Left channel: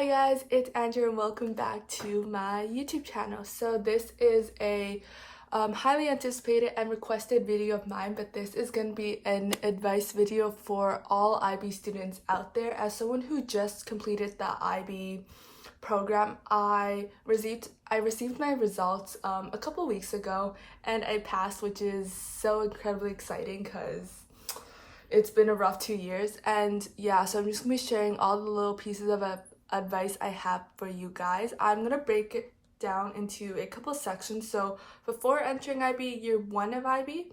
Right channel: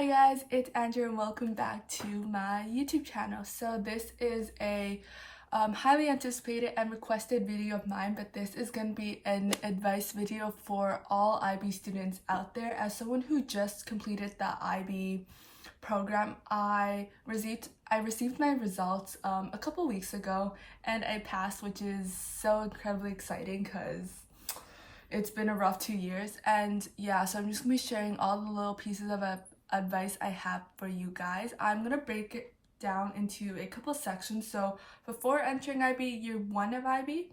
Hi guys, it's Andrew and welcome back to my YouTube channel. So this is a highly anticipated and requested video of mine, but this is going to be an advice video for all IB students out there. As someone who just completed the IB program, I received my results a couple weeks ago and I passed, which is so incredibly exciting because it's been a rough 2 years. And yeah, so I'm just gonna be sharing all the little pieces of advice I have for you guys. I'm gonna break it down into a couple sections. So before entering IB, year 1 of IB,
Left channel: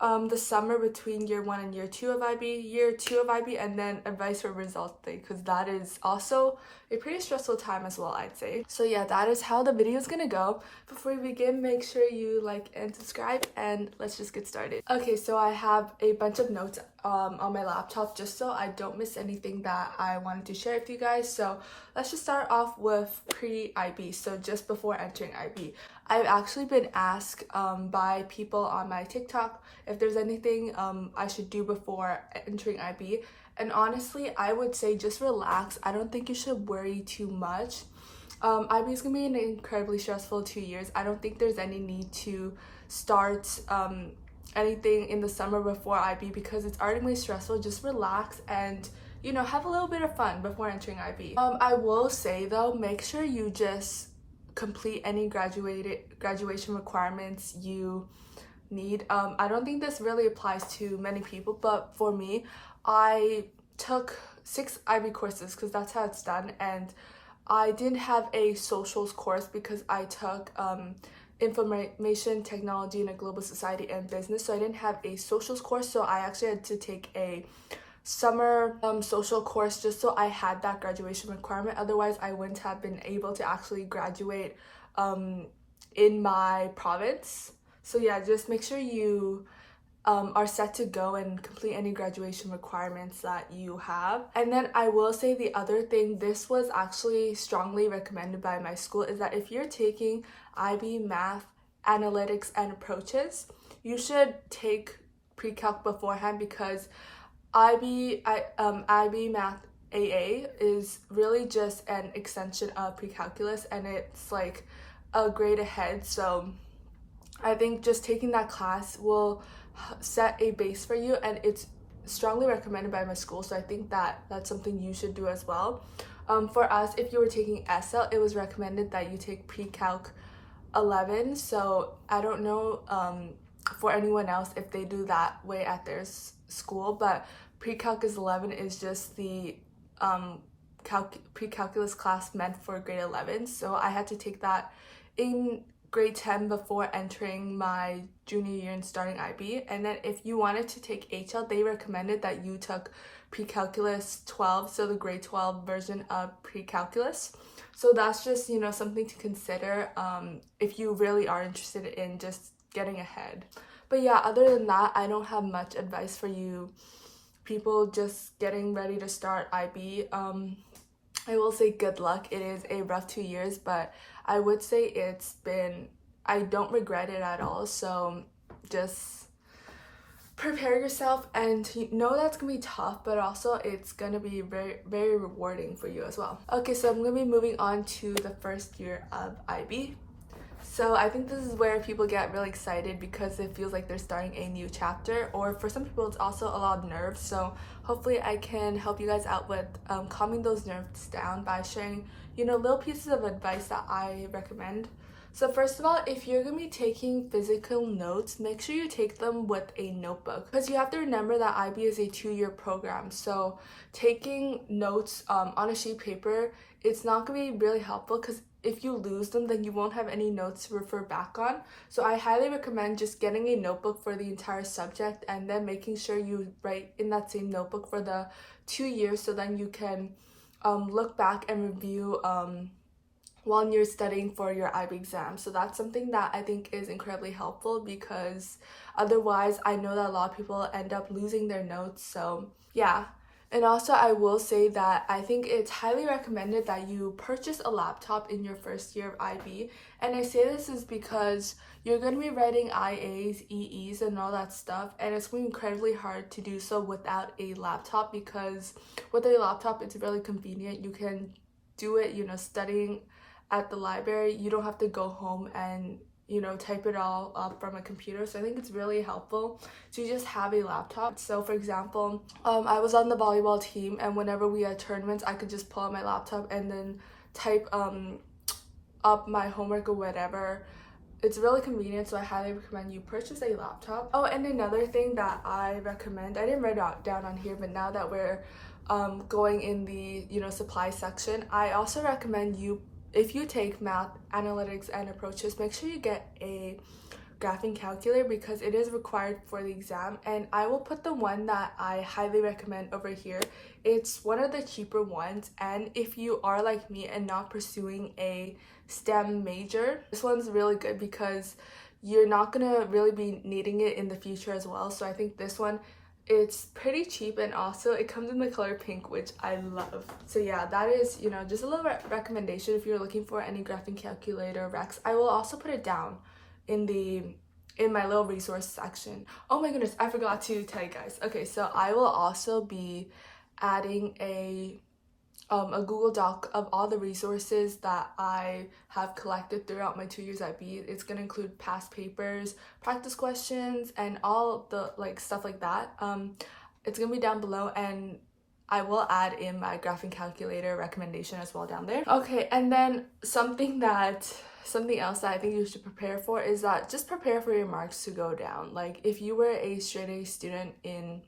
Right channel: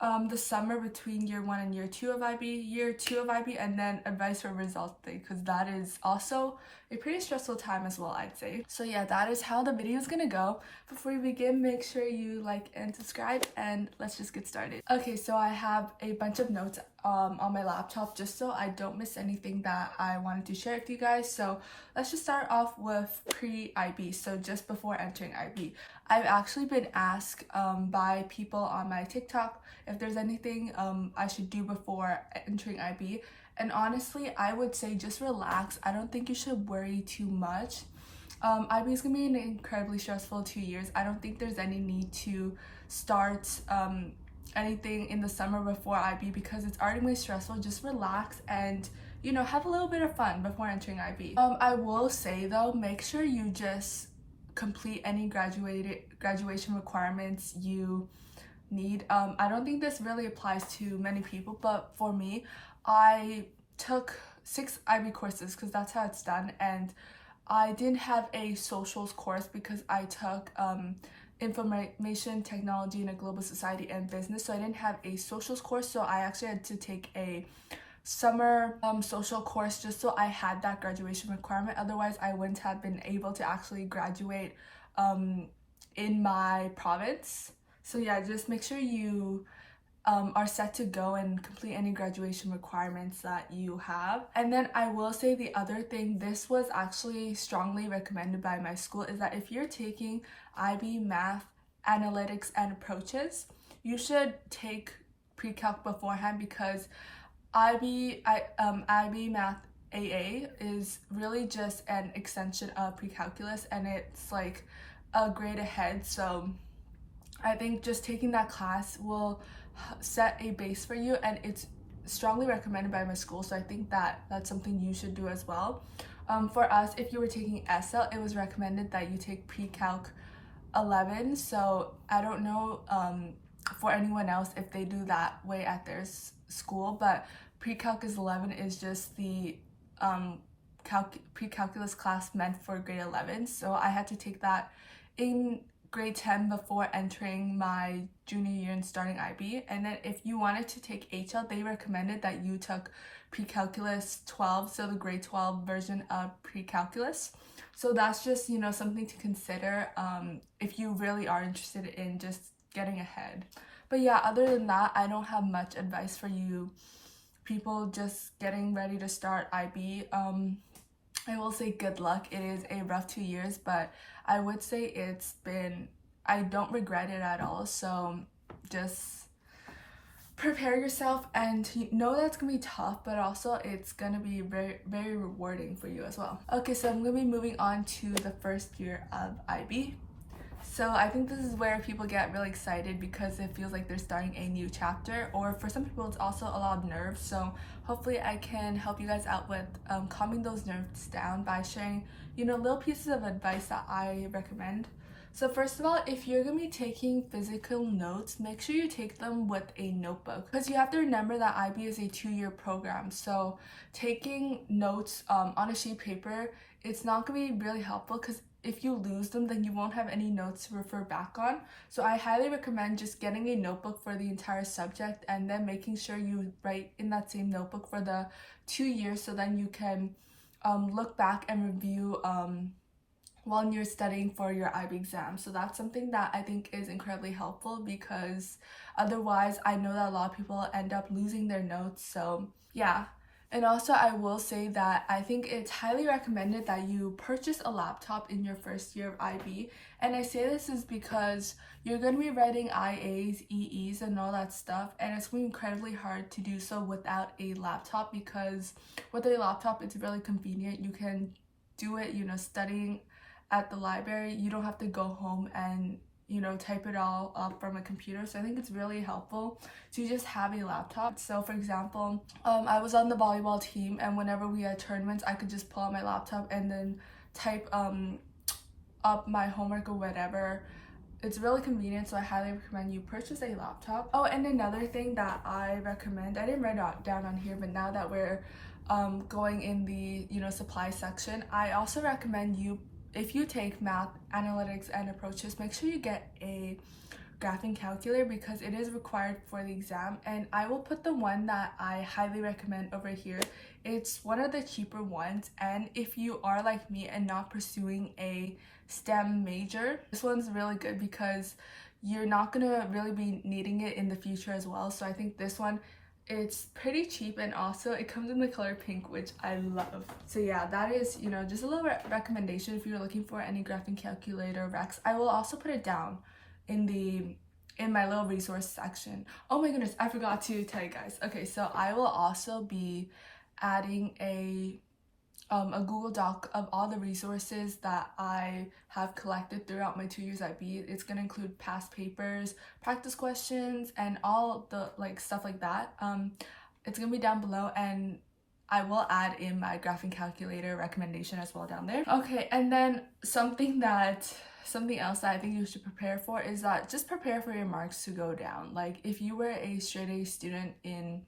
the summer between year 1 and year 2 of IB, year 2 of IB, and then advice for results day, because that is also a pretty stressful time as well, I'd say. So yeah, that is how the video is gonna go. Before we begin, make sure you like and subscribe, and let's just get started. Okay, so I have a bunch of notes on my laptop just so I don't miss anything that I wanted to share with you guys. So let's just start off with pre-IB, so just before entering IB. I've actually been asked by people on my TikTok if there's anything I should do before entering IB. And honestly, I would say just relax. I don't think you should worry too much. IB is gonna be an incredibly stressful 2 years. I don't think there's any need to start anything in the summer before IB because it's already really stressful. Just relax and have a little bit of fun before entering IB. I will say though, make sure you just complete any graduation requirements you need. I don't think this really applies to many people, but for me, I took 6 IB courses because that's how it's done, and I didn't have a socials course because I took information technology in a global society and business, so I didn't have a socials course. So I actually had to take a summer social course just so I had that graduation requirement. Otherwise I wouldn't have been able to actually graduate in my province. So yeah, just make sure you are set to go and complete any graduation requirements that you have. And then I will say the other thing, this was actually strongly recommended by my school, is that if you're taking IB math, analytics, and approaches, you should take pre-calc beforehand, because IB math AA is really just an extension of pre-calculus and it's like a grade ahead. So I think just taking that class will set a base for you, and it's strongly recommended by my school, so I think that that's something you should do as well. For us, if you were taking SL, it was recommended that you take pre-calc 11. So I don't know for anyone else if they do that way at their school, but pre-calculus 11 is just the pre-calculus class meant for grade 11. So I had to take that in grade 10 before entering my junior year and starting IB. And then if you wanted to take HL, they recommended that you took pre-calculus 12, so the grade 12 version of pre-calculus. So that's just something to consider if you really are interested in just getting ahead. But yeah, other than that, I don't have much advice for you people just getting ready to start IB. I will say good luck. It is a rough 2 years, but I would say I don't regret it at all. So just prepare yourself and know that's gonna be tough, but also it's gonna be very, very rewarding for you as well. Okay, so I'm gonna be moving on to the first year of IB. So I think this is where people get really excited because it feels like they're starting a new chapter, or for some people it's also a lot of nerves. So hopefully I can help you guys out with calming those nerves down by sharing little pieces of advice that I recommend. So first of all, if you're gonna be taking physical notes, make sure you take them with a notebook, because you have to remember that IB is a 2-year program. So taking notes on a sheet of paper, it's not gonna be really helpful, because if you lose them, then you won't have any notes to refer back on. So I highly recommend just getting a notebook for the entire subject and then making sure you write in that same notebook for the 2 years, so then you can look back and review while you're studying for your IB exam. So that's something that I think is incredibly helpful, because otherwise I know that a lot of people end up losing their notes. So yeah. And also I will say that I think it's highly recommended that you purchase a laptop in your first year of IB. And I say this is because you're going to be writing IAs, EEs, and all that stuff, and it's going to be incredibly hard to do so without a laptop, because with a laptop it's really convenient. You can do it, studying at the library, you don't have to go home and type it all up from a computer. So I think it's really helpful to just have a laptop. So for example, I was on the volleyball team, and whenever we had tournaments, I could just pull out my laptop and then type up my homework or whatever. It's really convenient, so I highly recommend you purchase a laptop. Oh, and another thing that I recommend, I didn't write it down on here, but now that we're going in the supply section, I also recommend you, if you take math, analytics, and approaches, make sure you get a graphing calculator because it is required for the exam. And I will put the one that I highly recommend over here. It's one of the cheaper ones, and if you are like me and not pursuing a STEM major, this one's really good because you're not gonna really be needing it in the future as well. So I think this one, it's pretty cheap, and also it comes in the color pink, which I love. So yeah, that is just a little recommendation if you're looking for any graphing calculator recs. I will also put it down in my little resource section. Oh my goodness, I forgot to tell you guys. Okay, so I will also be adding a Google Doc of all the resources that I have collected throughout my 2 years at B. It's gonna include past papers, practice questions, and all the stuff like that. It's gonna be down below, and I will add in my graphing calculator recommendation as well down there. Okay, and then something else that I think you should prepare for is that just prepare for your marks to go down. Like if you were a straight A student in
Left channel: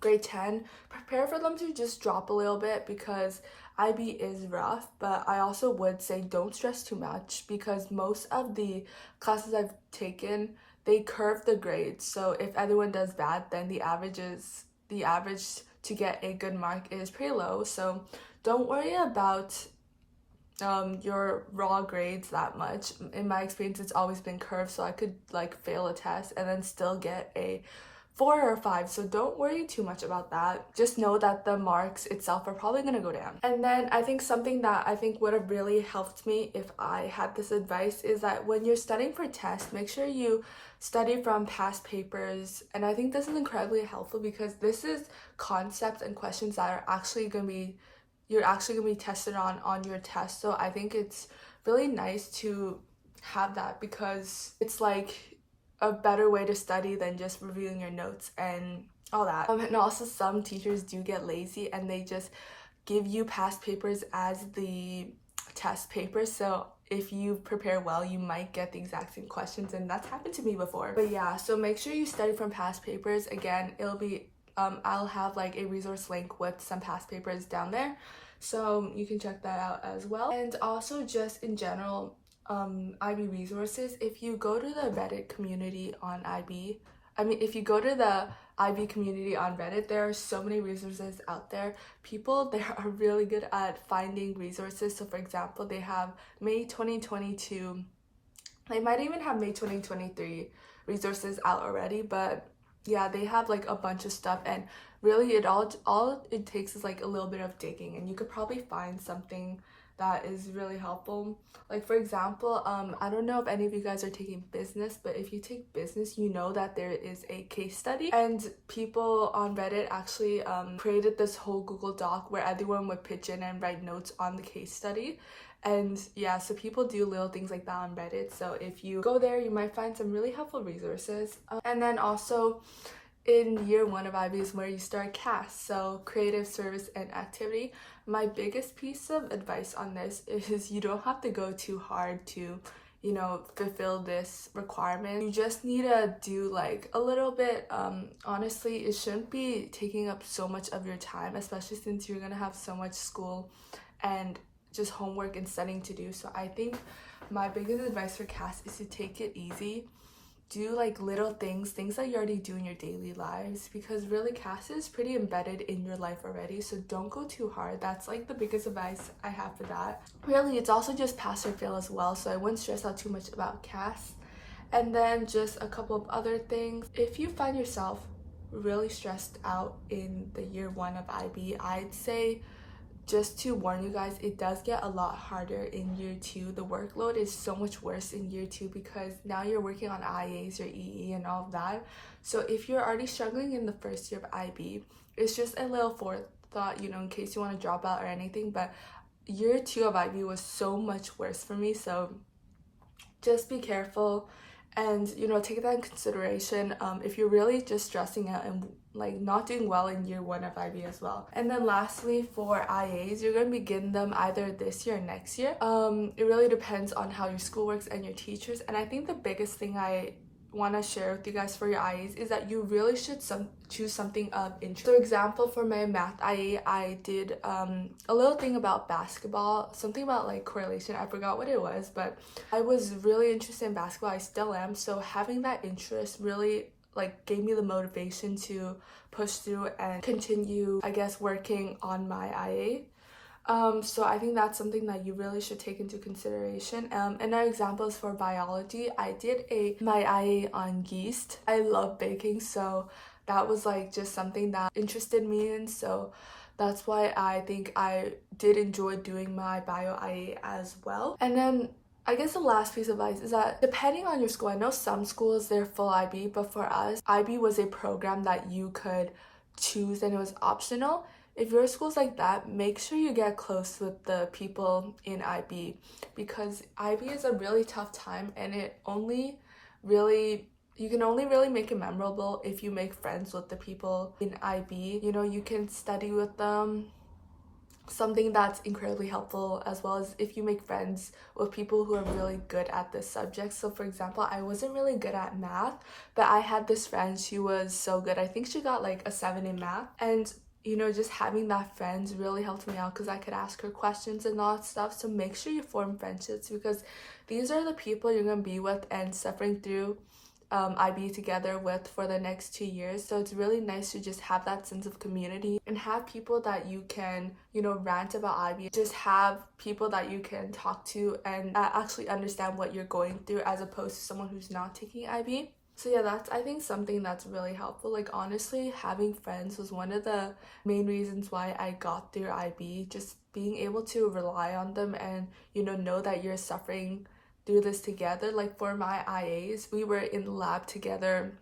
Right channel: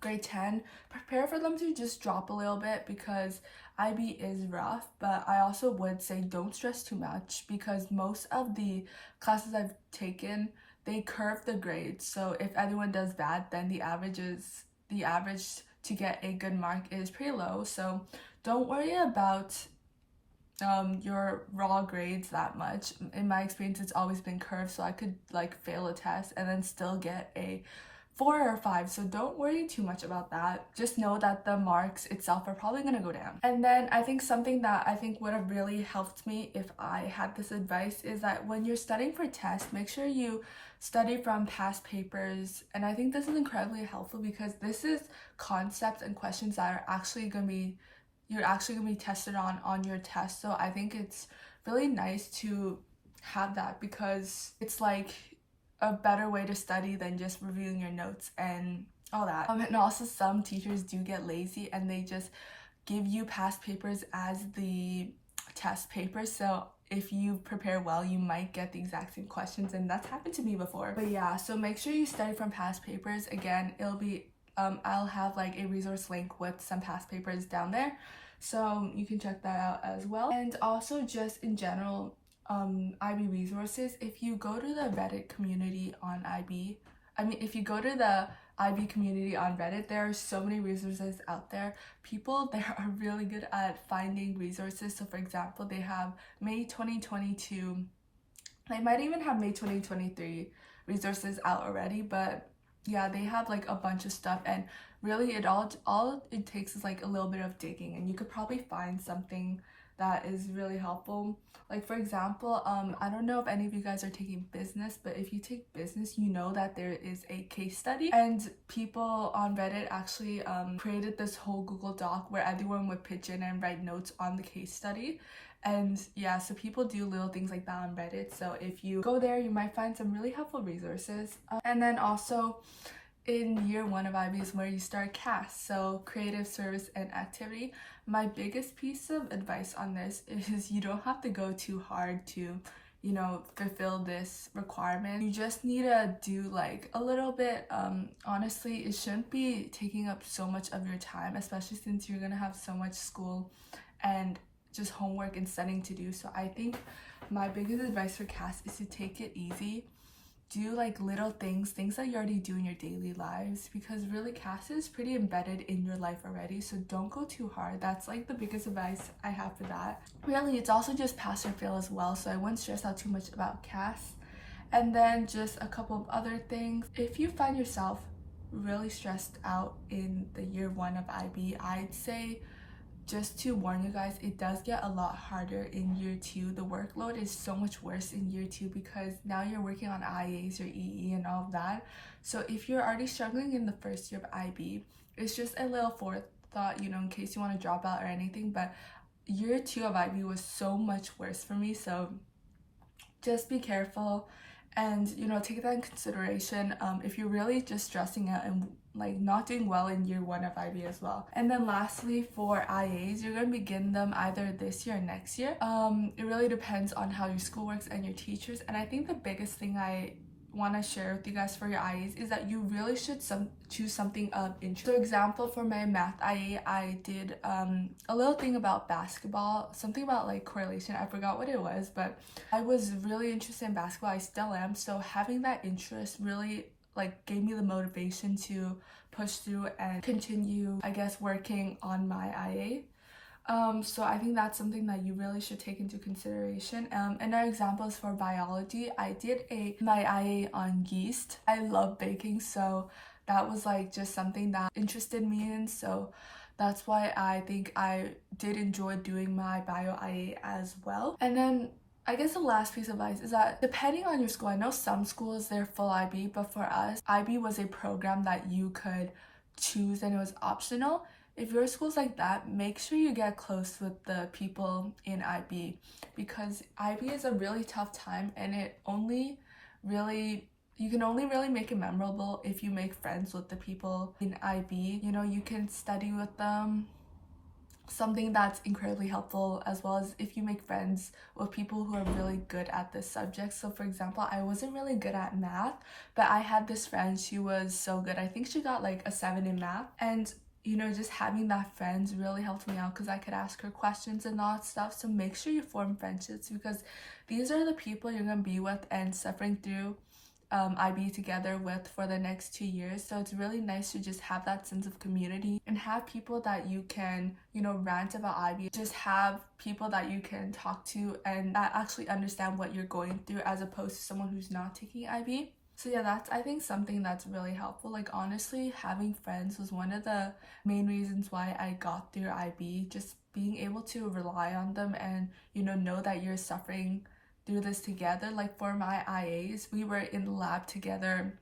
grade 10, prepare for them to just drop a little bit because IB is rough. But I also would say don't stress too much because most of the classes I've taken, they curve the grades. So if everyone does bad, then the average to get a good mark is pretty low. So don't worry about your raw grades that much. In my experience, it's always been curved, so I could fail a test and then still get a 4 or 5, so don't worry too much about that. Just know that the marks itself are probably gonna go down. And then I think something that I think would have really helped me if I had this advice is that when you're studying for tests, make sure you study from past papers. And I think this is incredibly helpful because this is concepts and questions that are actually gonna be tested on your test. So I think it's really nice to have that because it's a better way to study than just reviewing your notes and all that. And also some teachers do get lazy and they just give you past papers as the test papers. So if you prepare well, you might get the exact same questions, and that's happened to me before. But yeah, so make sure you study from past papers. Again, it'll be I'll have a resource link with some past papers down there, so you can check that out as well. And also just in general, IB resources, if you go to the Reddit community on if you go to the IB community on Reddit, there are so many resources out there. People there are really good at finding resources. So for example, they have May 2022, they might even have May 2023 resources out already, but yeah, they have a bunch of stuff, and really all it takes is a little bit of digging, and you could probably find something that is really helpful. For example, I don't know if any of you guys are taking business, but if you take business, you know that there is a case study, and people on Reddit actually created this whole Google Doc where everyone would pitch in and write notes on the case study. And yeah, so people do little things like that on Reddit. So if you go there, you might find some really helpful resources. And then also in year 1 of IB is where you start CAS, so creative service and activity. My biggest piece of advice on this is you don't have to go too hard to fulfill this requirement. You just need to do a little bit. Honestly, it shouldn't be taking up so much of your time, especially since you're gonna have so much school and just homework and studying to do. So I think my biggest advice for CAS is to take it easy. Do little things that you already do in your daily lives, because really CAS is pretty embedded in your life already, so don't go too hard. That's the biggest advice I have for that. Really, it's also just pass or fail as well, so I wouldn't stress out too much about CAS. And then just a couple of other things. If you find yourself really stressed out in the year 1 of IB, I'd say, just to warn you guys, it does get a lot harder in year 2. The workload is so much worse in year 2 because now you're working on IAs, your EE, and all of that. So if you're already struggling in the first year of IB, it's just a little forethought, in case you want to drop out or anything. But year 2 of IB was so much worse for me, so just be careful and take that in consideration if you're really just stressing out and like not doing well in year 1 of IB as well. And then lastly, for IAs, you're going to begin them either this year or next year. It really depends on how your school works and your teachers. And I think the biggest thing I want to share with you guys for your IAs is that you really should choose something of interest. For example, for my math IA, I did a little thing about basketball, something about like correlation. I forgot what it was, but I was really interested in basketball. I still am. So having that interest really like gave me the motivation to push through and continue, I guess, working on my IA. So I think that's something that you really should take into consideration. Another example is for biology. I did my IA on yeast. I love baking, so that was like just something that interested me in. So that's why I think I did enjoy doing my bio IA as well. And then I guess the last piece of advice is that depending on your school, I know some schools they're full IB, but for us, IB was a program that you could choose and it was optional. If your school's like that, make sure you get close with the people in IB, because IB is a really tough time and you can only really make it memorable if you make friends with the people in IB. You can study with them, something that's incredibly helpful, as well as if you make friends with people who are really good at this subject. So for example, I wasn't really good at math, but I had this friend, she was so good. I think she got like a 7 in math, and just having that friends really helped me out because I could ask her questions and all that stuff. So make sure you form friendships, because these are the people you're going to be with and suffering through IB together with for the next 2 years. So it's really nice to just have that sense of community and have people that you can, rant about IB. Just have people that you can talk to and actually understand what you're going through, as opposed to someone who's not taking IB. So yeah, that's I think something that's really helpful. Like honestly, having friends was one of the main reasons why I got through IB. Just being able to rely on them and know that you're suffering through this together. Like for my IAs, we were in the lab together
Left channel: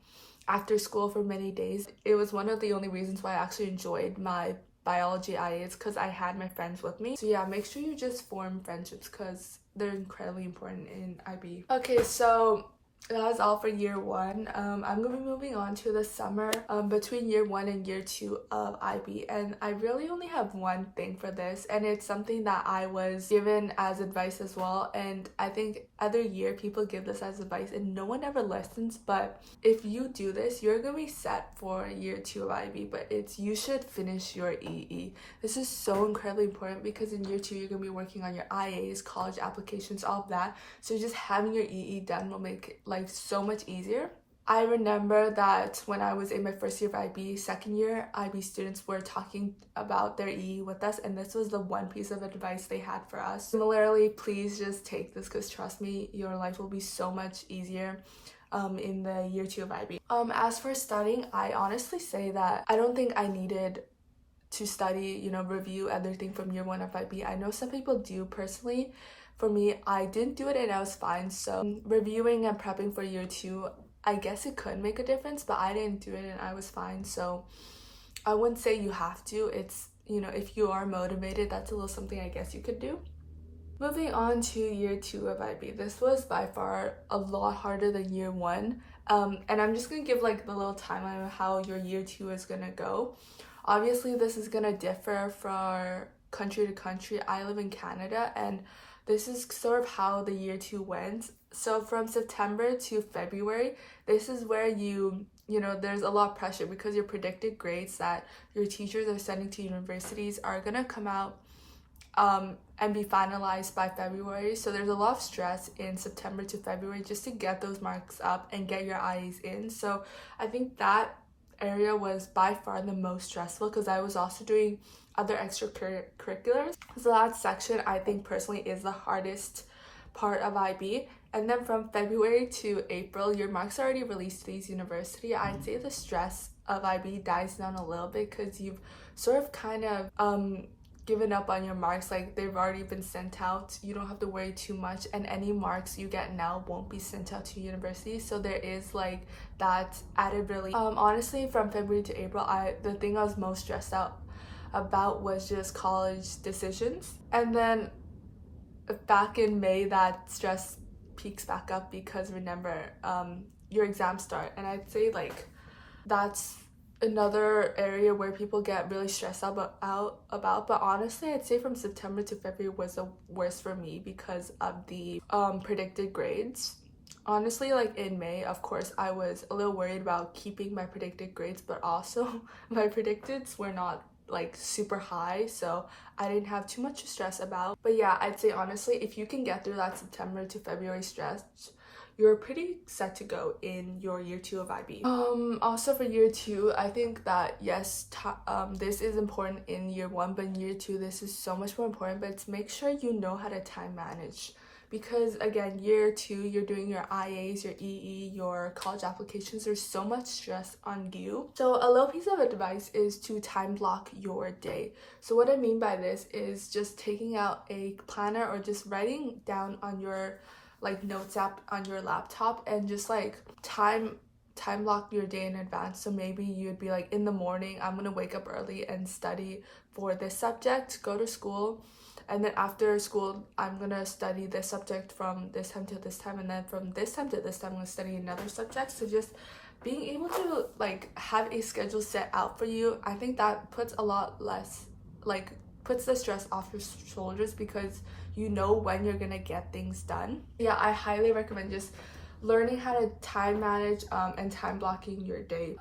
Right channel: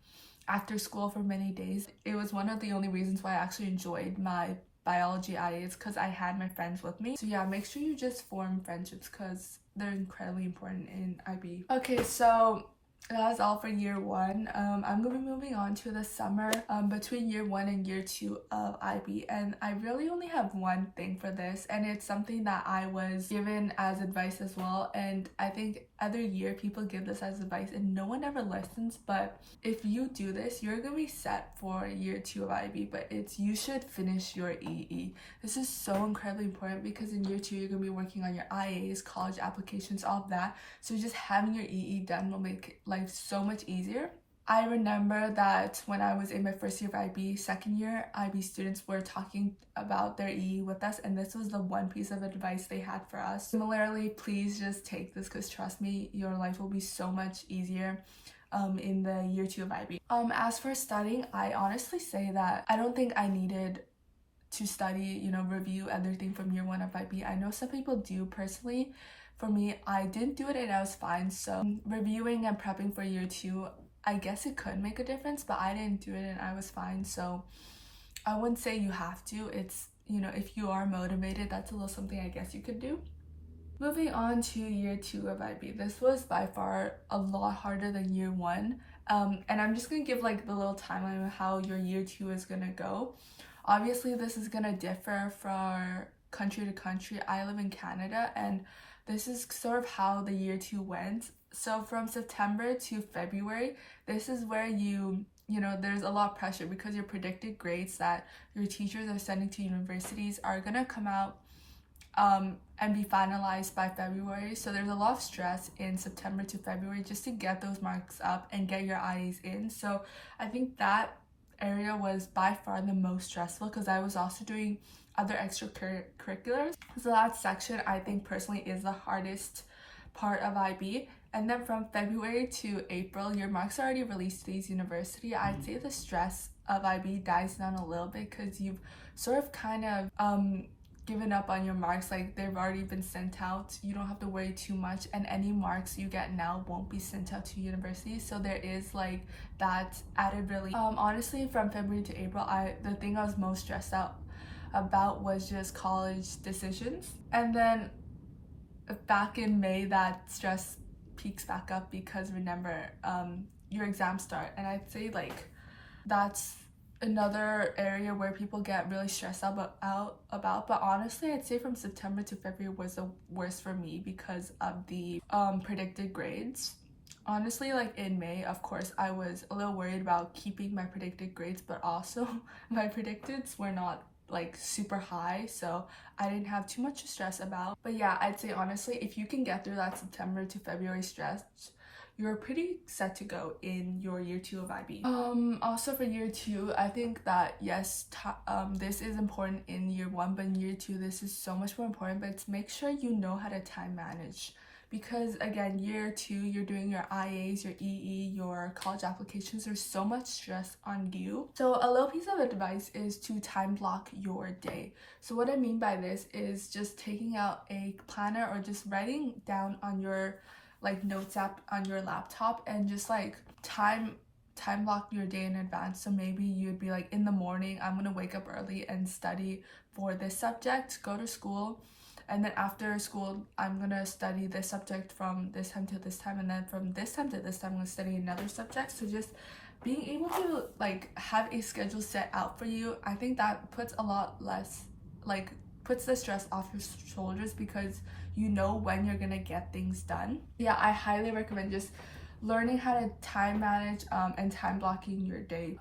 after school for many days. It was one of the only reasons why I actually enjoyed my biology IAs, because I had my friends with me. So yeah, make sure you just form friendships because they're incredibly important in IB. Okay, so that's all for year 1. I'm gonna be moving on to the summer between year 1 and year 2 of IB, and I really only have one thing for this, and it's something that I was given as advice as well. And I think other year people give this as advice and no one ever listens, but if you do this, you're gonna be set for year 2 of IB. But it's you should finish your EE. This is so incredibly important because in year 2 you're gonna be working on your IAs, college applications, all of that. So just having your EE done will make life so much easier. I remember that when I was in my first year of IB, second year IB students were talking about their EE with us, and this was the one piece of advice they had for us. Similarly, please just take this, because trust me, your life will be so much easier in the year 2 of IB. As for studying, I honestly say that I don't think I needed to study, review everything from year 1 of IB. I know some people do. Personally, for me, I didn't do it and I was fine. So reviewing and prepping for year 2, I guess it could make a difference, but I didn't do it and I was fine. So I wouldn't say you have to. It's, if you are motivated, that's a little something I guess you could do. Moving on to year 2 of IB. This was by far a lot harder than year 1. And I'm just gonna give like the little timeline of how your year 2 is gonna go. Obviously, this is gonna differ from country to country. I live in Canada, and this is sort of how the year 2 went. So from September to February, this is where there's a lot of pressure, because your predicted grades that your teachers are sending to universities are gonna come out and be finalized by February. So there's a lot of stress in September to February just to get those marks up and get your IEs in. So I think that area was by far the most stressful, because I was also doing other extracurriculars. So that section I think personally is the hardest part of IB. And then from February to April, your marks are already released to these university. I'd say the stress of IB dies down a little bit, because you've sort of kind of given up on your marks. Like, they've already been sent out. You don't have to worry too much, and any marks you get now won't be sent out to university. So there is like that added relief. Honestly, from February to April, the thing I was most stressed out about was just college decisions. And then back in May, that stress peaks back up because remember, your exams start. And I'd say like that's another area where people get really stressed about. But honestly, I'd say from September to February was the worst for me because of the predicted grades. Honestly, like in May, of course, I was a little worried about keeping my predicted grades, but also my predicteds were not like super high, so I didn't have too much to stress about. But yeah, I'd say honestly, if you can get through that September to February stress, you're pretty set to go in your year 2 of IB. Also for year 2, I think that yes, this is important in year 1, but in year 2, this is so much more important. But it's make sure you know how to time manage, because again, year 2, you're doing your IAs, your EE, your college applications. There's so much stress on you. So a little piece of advice is to time block your day. So what I mean by this is just taking out a planner or just writing down on your like notes app on your laptop and just like time block your day in advance. So maybe you'd be like, in the morning I'm gonna wake up early and study for this subject, go to school, and then after school I'm gonna study this subject from this time to this time, and then from this time to this time I'm gonna study another subject. So just being able to like have a schedule set out for you, I think that puts a lot less like puts the stress off your shoulders because you know when you're gonna get things done. Yeah, I highly recommend just learning how to time manage and time blocking your day.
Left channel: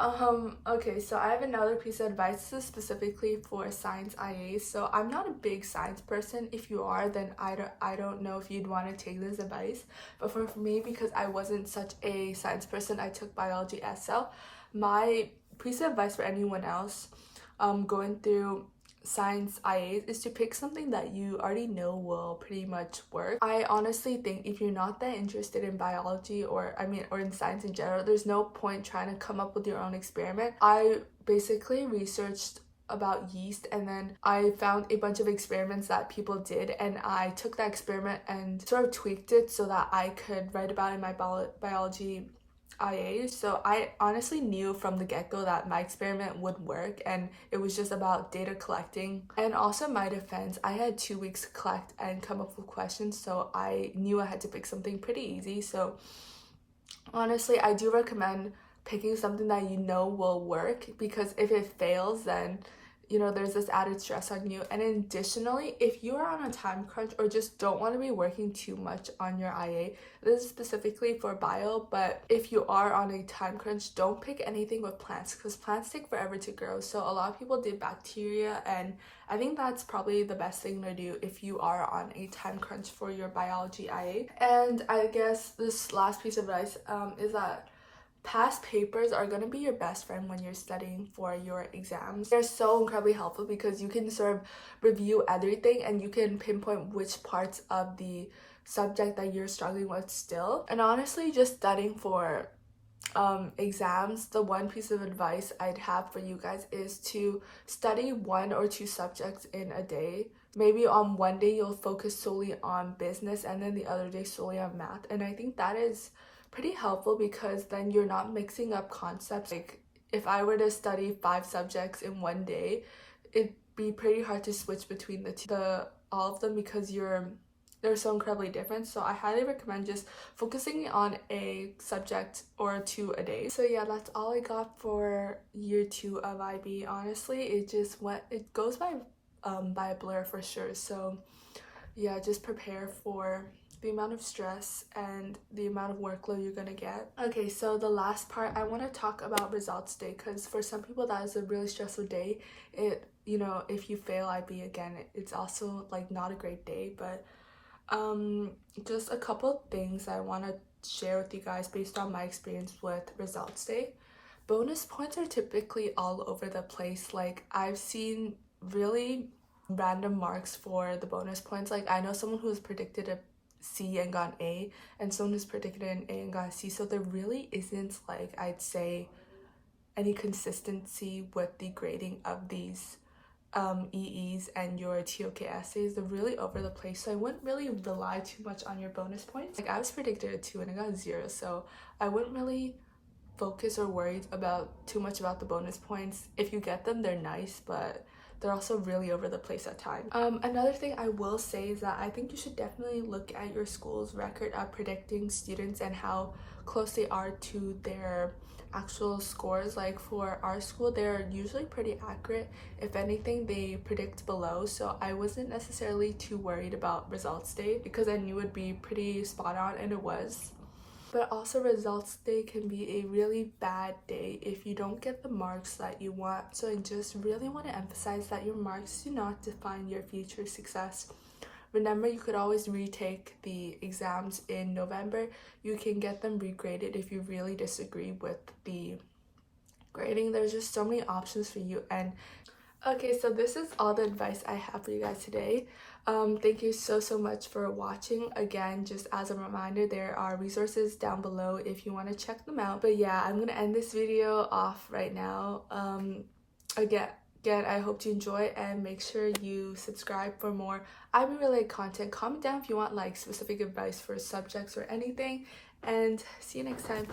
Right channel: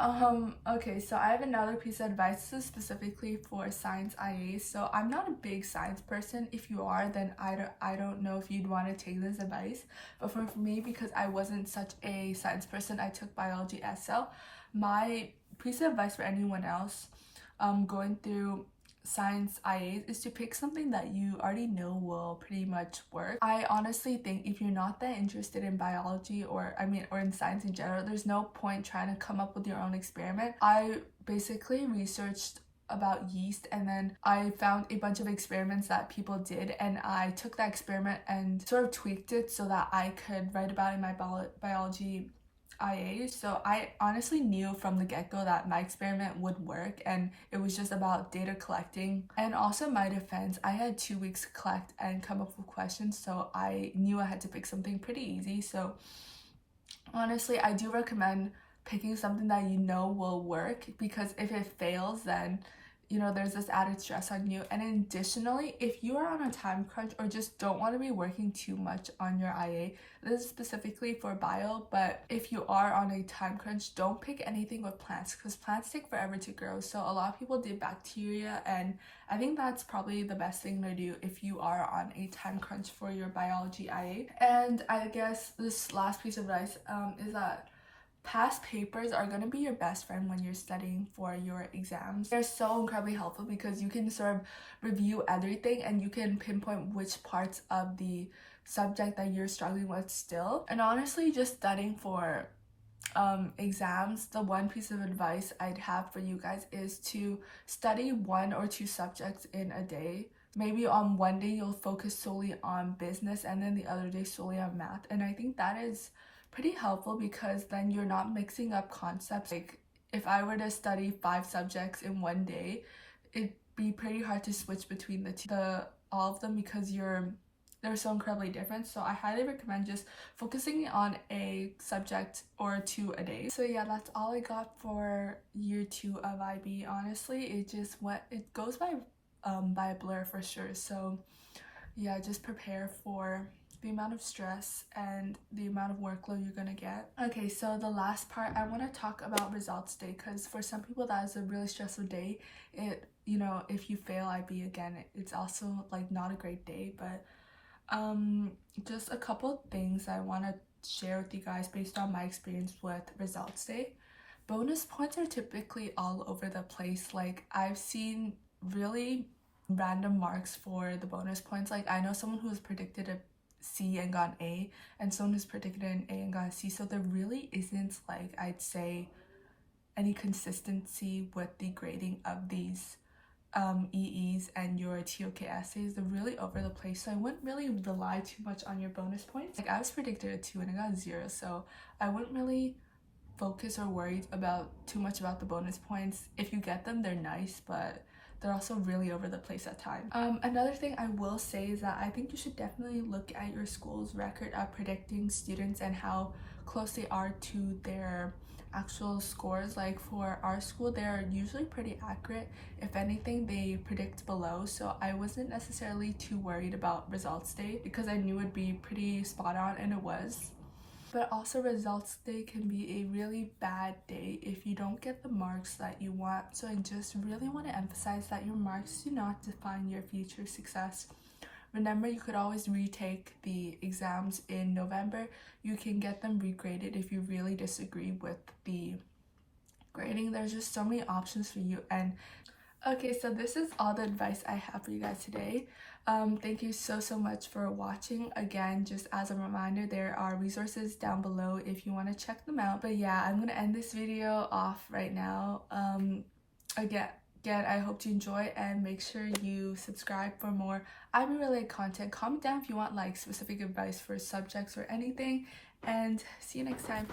Okay, so I have another piece of advice. This is specifically for science IAs. So I'm not a big science person. If you are, then I don't know if you'd want to take this advice. But for me, because I wasn't such a science person, I took biology SL. My piece of advice for anyone else going through science IAs is to pick something that you already know will pretty much work. I honestly think if you're not that interested in biology or in science in general, there's no point trying to come up with your own experiment. I basically researched about yeast, and then I found a bunch of experiments that people did, and I took that experiment and sort of tweaked it so that I could write about it in my biology IA. So I honestly knew from the get-go that my experiment would work, and it was just about data collecting. And also, in my defense, I had 2 weeks to collect and come up with questions, so I knew I had to pick something pretty easy. So honestly, I do recommend picking something that you know will work, because if it fails, then there's this added stress on you. And additionally, if you are on a time crunch or just don't want to be working too much on your IA, this is specifically for bio, but if you are on a time crunch, don't pick anything with plants, because plants take forever to grow. So a lot of people did bacteria, and I think that's probably the best thing to do if you are on a time crunch for your biology IA. And I guess this last piece of advice is that past papers are going to be your best friend when you're studying for your exams. They're so incredibly helpful because you can sort of review everything and you can pinpoint which parts of the subject that you're struggling with still. And honestly, just studying for exams, the one piece of advice I'd have for you guys is to study 1 or 2 subjects in a day. Maybe on one day you'll focus solely on business and then the other day solely on math. And I think that is pretty helpful because then you're not mixing up concepts. Like if I were to study 5 subjects in one day, it'd be pretty hard to switch between all of them because they're so incredibly different. So I highly recommend just focusing on a subject or 2 a day. So yeah, that's all I got for year 2 of IB. Honestly, it goes by a blur for sure. So yeah, just prepare for the amount of stress and the amount of workload you're gonna get. Okay, so the last part, I want to talk about results day, because for some people that is a really stressful day. If you fail IB again, it's also like not a great day. But just a couple things I want to share with you guys based on my experience with results day. Bonus points are typically all over the place. Like I've seen really random marks for the bonus points. Like I know someone who was predicted a C and got an A, and someone who's predicted an A and got a C. So there really isn't, like, I'd say, any consistency with the grading of these EEs and your TOK essays. They're really over the place, so I wouldn't really rely too much on your bonus points. Like I was predicted a 2 and I got a 0, so I wouldn't really focus or worry too much about the bonus points. If you get them, they're nice, but they're also really over the place at times. Another thing I will say is that I think you should definitely look at your school's record of predicting students and how close they are to their actual scores. Like for our school, they're usually pretty accurate. If anything, they predict below, so I wasn't necessarily too worried about results day because I knew it'd be pretty spot on, and it was. But also results day can be a really bad day if you don't get the marks that you want. So I just really want to emphasize that your marks do not define your future success. Remember, you could always retake the exams in November. You can get them regraded if you really disagree with the grading. There's just so many options for you. And okay, so this is all the advice I have for you guys today. Thank you so much for watching. Again, just as a reminder, there are resources down below if you want to check them out. But yeah, I'm gonna end this video off right now. Again, I hope you enjoy, and make sure you subscribe for more IB related content. Comment down if you want like specific advice for subjects or anything, and see you next time.